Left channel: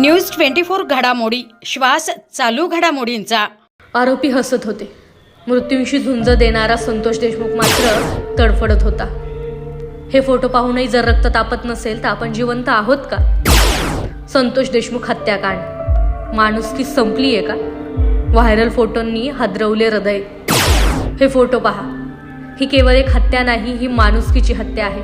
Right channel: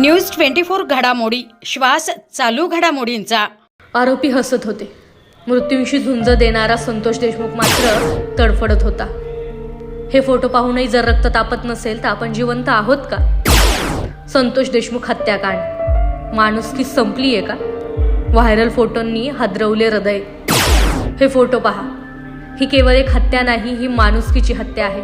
News twenty four घडामोडी. श्वास चालू घडामोडींचा. आरोपी हसत होते. मृत्यूंशी झुंज देणारा संतोष देशमुख मात्र तडफडत होता. हे फोटो पाहूनही जर रक्त तापत नसेल तर आपण जिवंत आहोत का? संतोष देशमुख हत्याकांड. माणुसकी संपली आहे का? व्हायरल फोटोंनी हादरवले हृदय. हे फोटो पहा. ही केवळ एक हत्या नाही ही माणुसकीची हत्या आहे.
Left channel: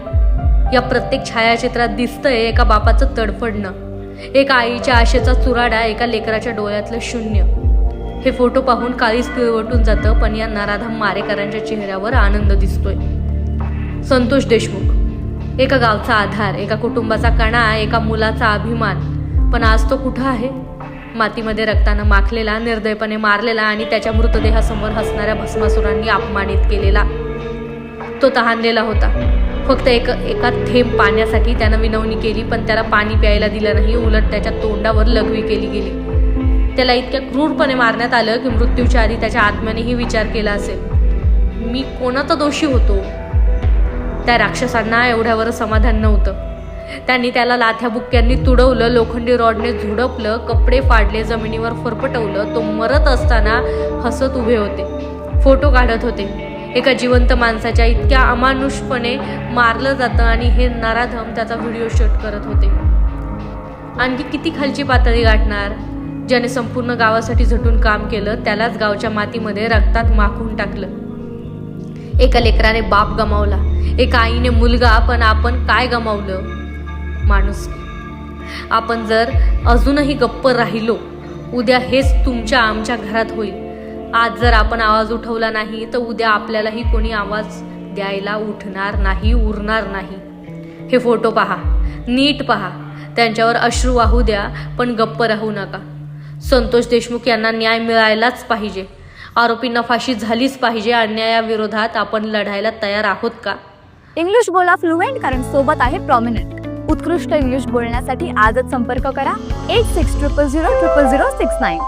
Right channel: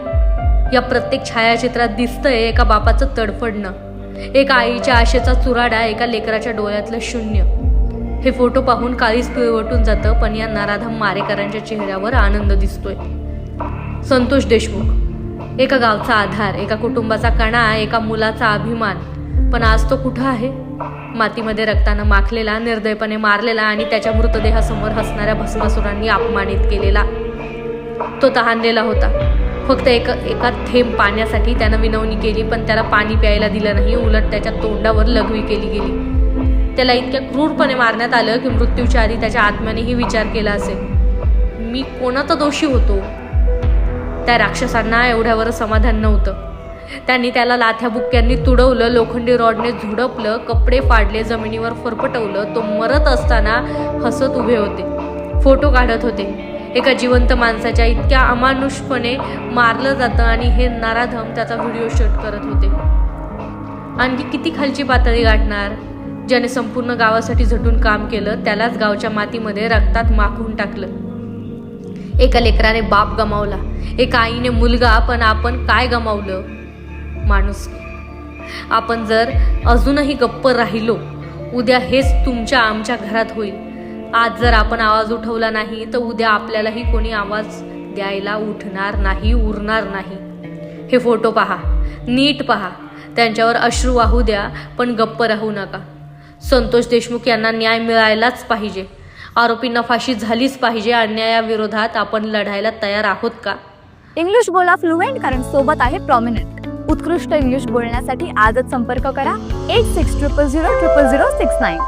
या प्रत्येक छायाचित्रात दिसतंय एका बापाचं तडफडणं. एका आईच्या आशेचा चुराडा एका लेकराच्या डोळ्यातलं शून्य. हे फोटो पाहून काळीच पिळवटून जातं पण या नराधम मारेकरांच्या चेहऱ्यावर आनंद दिसतोय. संतोष देशमुख. एका गावचा आधार एका कुटुंबाचा कणा एका मुलाचा अभिमान. पण आज तो कुठं आहे? मातीमध्ये रक्तानं माखलेला निर्दयपणे मारलेला आणि त्याच्या मृतदेहासमोर हसणाऱ्या भस्मासुरांनी अपमानित केलेला. तो तहानलेला होता. फक्त एक एका थेंब पाण्यासाठी त्यानं विनवणी केली पण त्याला पाणी प्यायला दिलं नाही. उलट त्याच्या तोंडावर लघवी केली गेली. त्याला इतक्या क्रूरपणे मारण्यात आलं की मृत्यूच्या आधी त्याच्या आत्म्यानेही विचार केला असेल. मी कोणाचा दोषी होतो? त्या राक्षसांना एवढ्यावर समाधान नव्हतं. त्यांनी त्याला लाथ्या बुक्क्यांनी तुडवलं लोखंडी रॉडने झुडपलं कपडे फाडले जमिनीवर फरफटवलं. तो मरत असताना हसत उभे होते. फोटो काढत होते. एका जिवंत माणसाच्या इतक्या अमानुषपणे मारलं जातं आणि हे नराधम त्याचा व्हिडिओ शूट करत होते. आणखी किती खालची पातळी गाठणार? ज्याने संपूर्ण गावासाठी झटून काम केलं त्यालाच गावच्या मातीमध्ये रक्तात माखून टाकलं. एका लेकराने बाप गमावला. एका आईने मुलगा पण आपण काय गमावलं? माणूस. आपण जर अजूनही गप्प राहिलो उद्या हेच तुमच्या आमच्या घरात होईल. आज जर आपण आवाज उठवला नाही तर उद्या आपल्यालाही कोणी आवाज द्यायला उठणार नाही उरणार नाही. हे फोटो पहा. नीट पहा. त्यांच्यावर अश्रू वाहू द्या पण गप्प राहू नका. संतोष देशमुख यांना न्याय मिळायलाच पाहिजे. आरोपींना फाशी झालीच पाहिजे. अन्यायाविरोधात आपण लढायला तयार आहोत का? इंग्लिश बोला फ्लुएंट कारण सोबत आहे प्रॉमिनंट उत्कृष्ट इंग्लिश बोलण्यासाठी आजच संपर्क करा. Eight six triple zero triple zero six nine